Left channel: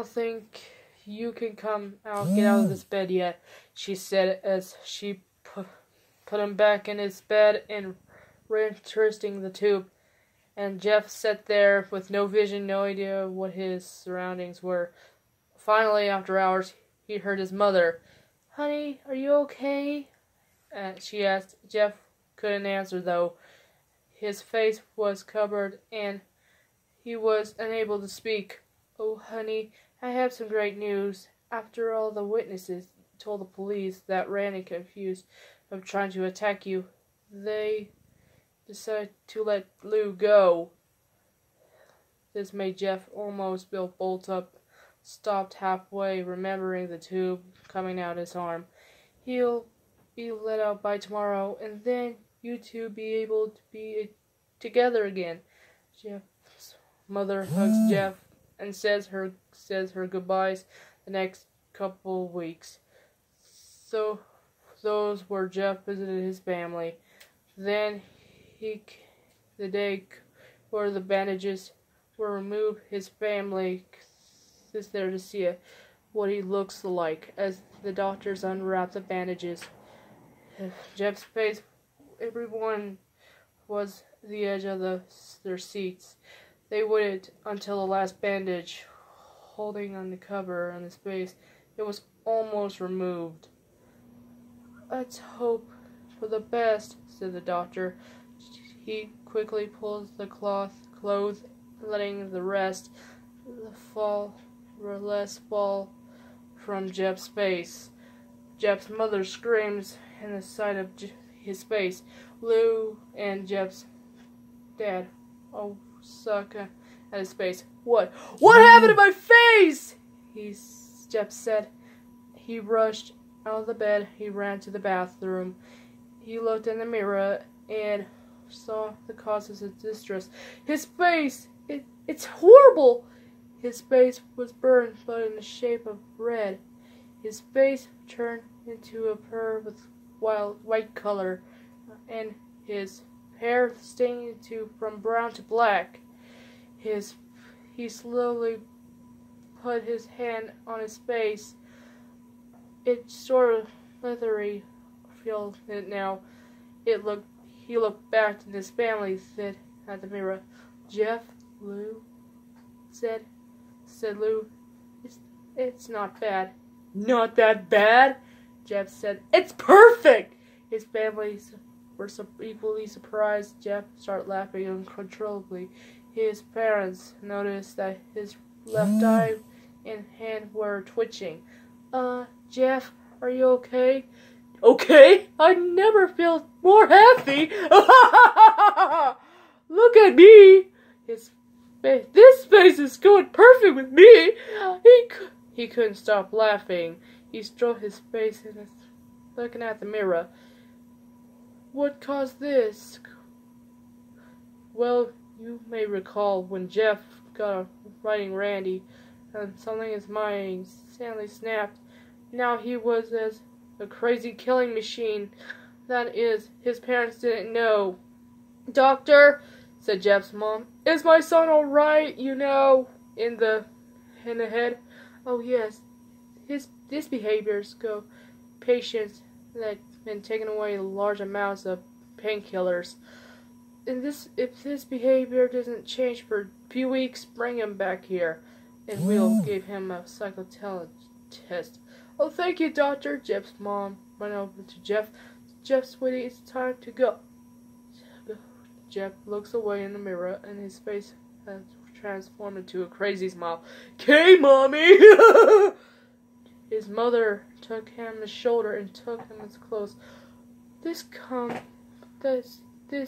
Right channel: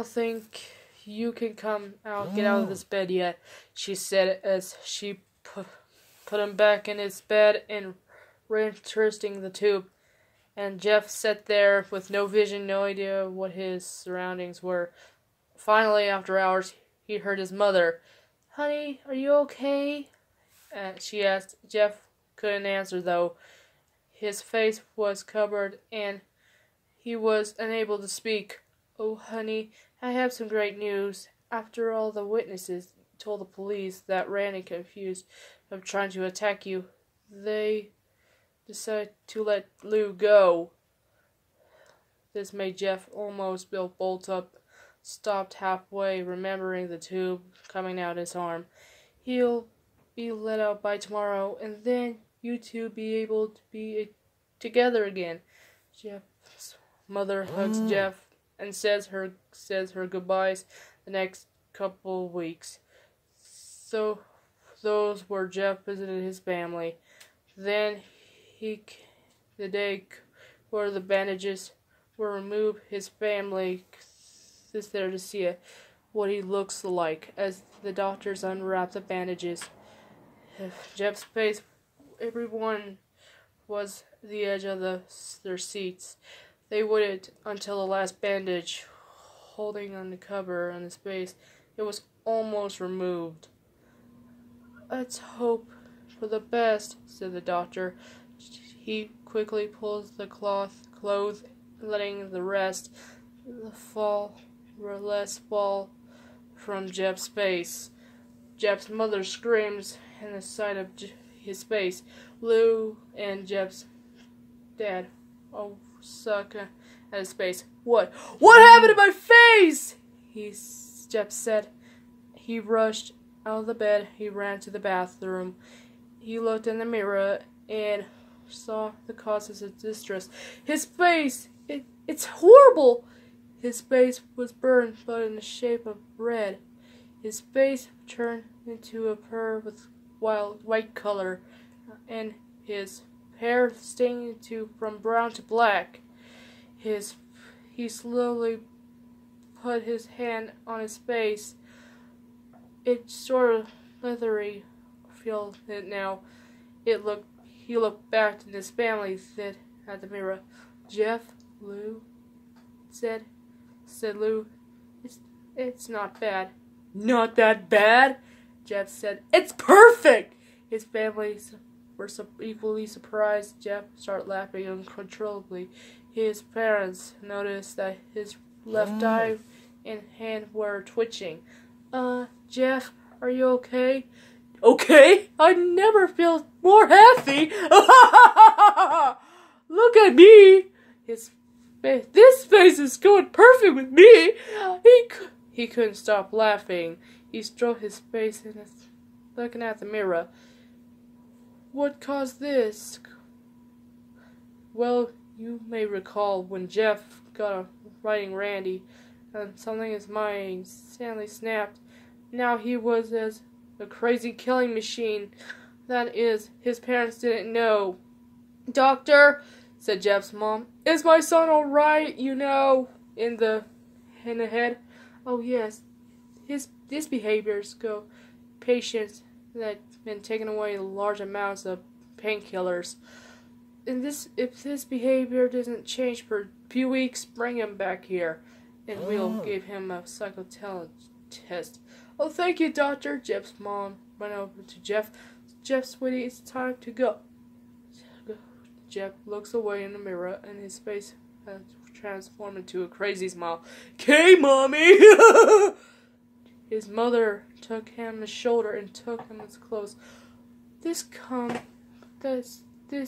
don't think you can get out of this bed yet, she said as she put him back in his bed and reinteresting the tube. And Jeff sat there with no vision, no idea what his surroundings were. Finally, after hours, he heard his mother. "Honey, are you okay?" She asked. Jeff couldn't answer, though. His face was covered, and he was unable to speak. "Oh, honey, I have some great news. After all the witnesses told the police that Randy confused of trying to attack you, they decided to let Lou go." This made Jeff almost bolt up, stopped halfway, remembering the tube coming out his arm. "He'll be let out by tomorrow, and then you two be able to be together again." Jeff's mother hugs Jeff and says her goodbyes the next couple weeks. So those were Jeff visited his family. Then the day where the bandages were removed, his family is there to see what he looks like as the doctors unwrap the bandages. Jeff's face, everyone was the edge of their seats. They waited until the last bandage, holding on the cover and the space. It was almost removed. "Let's hope for the best," said the doctor. He quickly pulls the clothes, letting the rest fall from Jeff's face. Jeff's mother screams in the sight of his face. Lou and Jeff's dad suck at his face. What happened to my face?" Jeff said. He rushed out of the bed. He ran to the bathroom. He looked in the mirror and saw the cause of his distress. His face! It's horrible! His face was burned, but in the shape of red. His face turned into a pearl with white color, and his hair stained from brown to black. He slowly put his hand on his face. It sort of leathery feel it now. He looked back at his family, said at the mirror. "Jeff, Lou," said Lou. It's not bad." "Not that bad?" Jeff said. "It's perfect!" His family were equally surprised. Jeff started laughing uncontrollably. His parents noticed that his left eye and hand were twitching. Jeff, are you okay?" "Okay? I never felt more happy." "Look at me. This face is going perfect with me." He couldn't stop laughing. He stroked his face and looking at the mirror. "What caused this?" "Well, you may recall when Jeff got writing Randy, and something in his mind suddenly snapped. Now he was as a crazy killing machine. That is, his parents didn't know." "Doctor," said Jeff's mom, "is my son all right, in the head?" "Oh, yes. His behaviors go patients that have been taking away large amounts of painkillers. And if this behavior doesn't change for a few weeks, bring him back here, and we'll give him a psychotest test." "Oh, thank you, doctor." Jeff's mom went over to Jeff. "Jeff, sweetie, it's time to go." Jeff looks away in the mirror, and his face has transformed into a crazy smile. "Okay, Mommy!" His mother took him on the shoulder and took him as close. This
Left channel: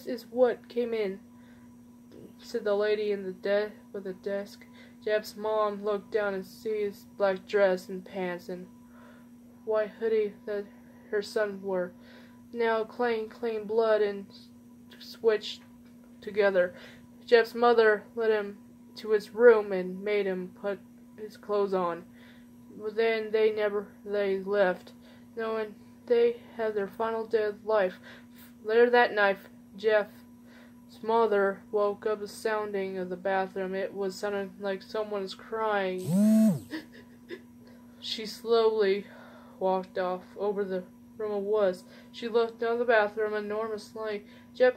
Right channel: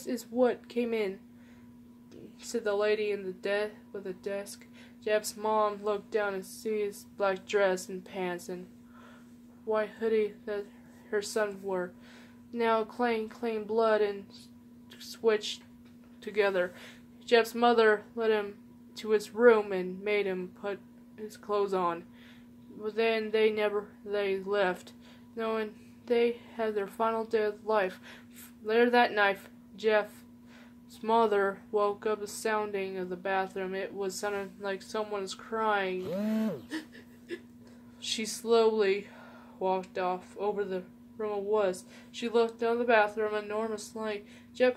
is what came in," said the lady in with the desk. Jeff's mom looked down and see his black dress and pants and white hoodie that her son wore. Now clean blood and switched together. Jeff's mother led him to his room and made him put his clothes on. But then they left, knowing they had their final day of life. Later that night, Jeff Jeff's mother woke up sounding of the bathroom. It was sounding like someone was crying. She slowly walked off over the room it was. She looked down the bathroom, an enormous light. Jeff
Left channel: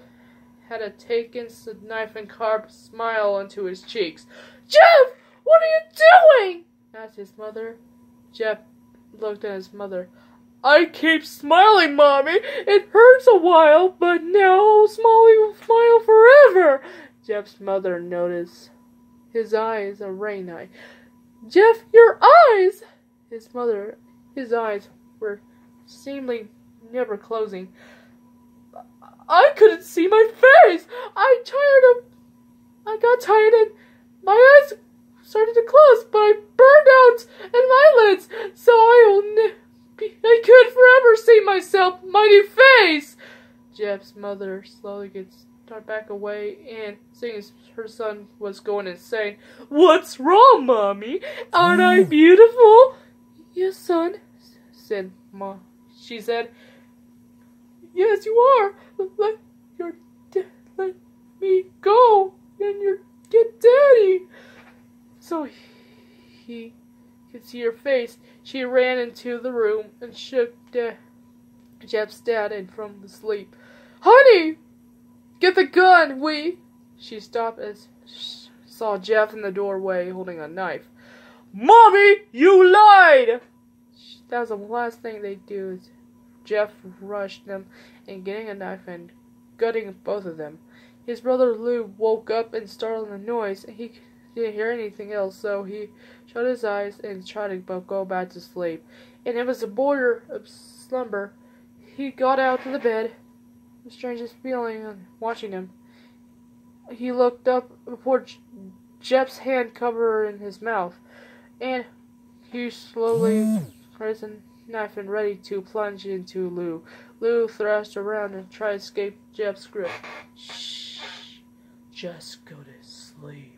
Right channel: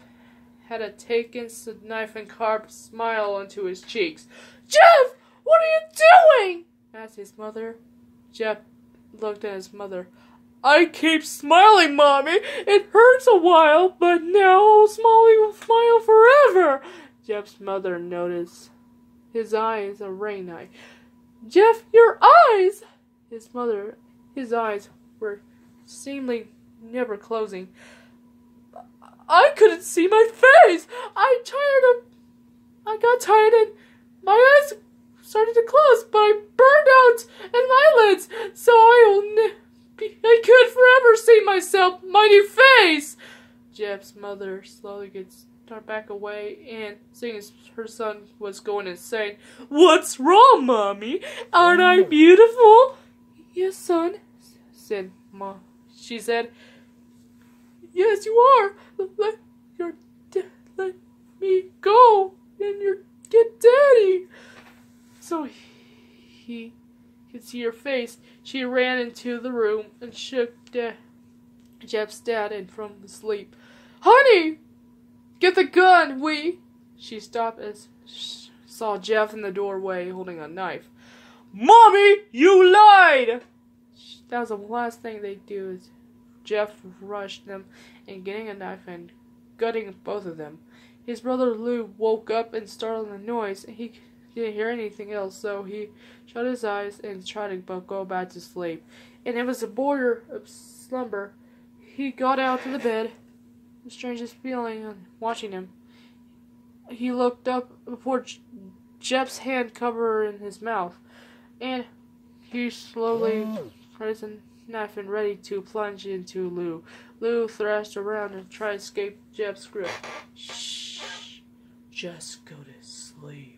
had a taken knife and carved a smile onto his cheeks. Jeff, what are you doing? Asked his mother. Jeff looked at his mother. I keep smiling, Mommy. It hurts a while, but now I'll smile forever. Jeff's mother noticed. His eyes are rain eye. Jeff, your eyes! His eyes were seemingly never closing. I couldn't see my face. I got tired and my eyes started to close, but I burned out in my lids, so I could forever see myself, mighty face. Jeff's mother slowly gets back away and seeing her son was going insane. What's wrong, Mommy? Aren't I beautiful? Yes, son, said Mom. She said, yes, you are. Let me go and get Daddy. So he could see her face. She ran into the room and shook Jeff's dad in from the sleep. Honey, get the gun, She stopped as saw Jeff in the doorway holding a knife. Mommy, you lied! That was the last thing they do. Jeff rushed them and getting a knife and gutting both of them. His brother Lou woke up and startled the noise, and he didn't hear anything else, so he shut his eyes and tried to go back to sleep. And it was a border of slumber. He got out of the bed, the strangest feeling on watching him. He looked up before Jeff's hand covered in his mouth, and he slowly raised a knife and ready to plunge into Lou. Lou thrashed around and tried to escape Jeff's grip. Shh, just go to sleep.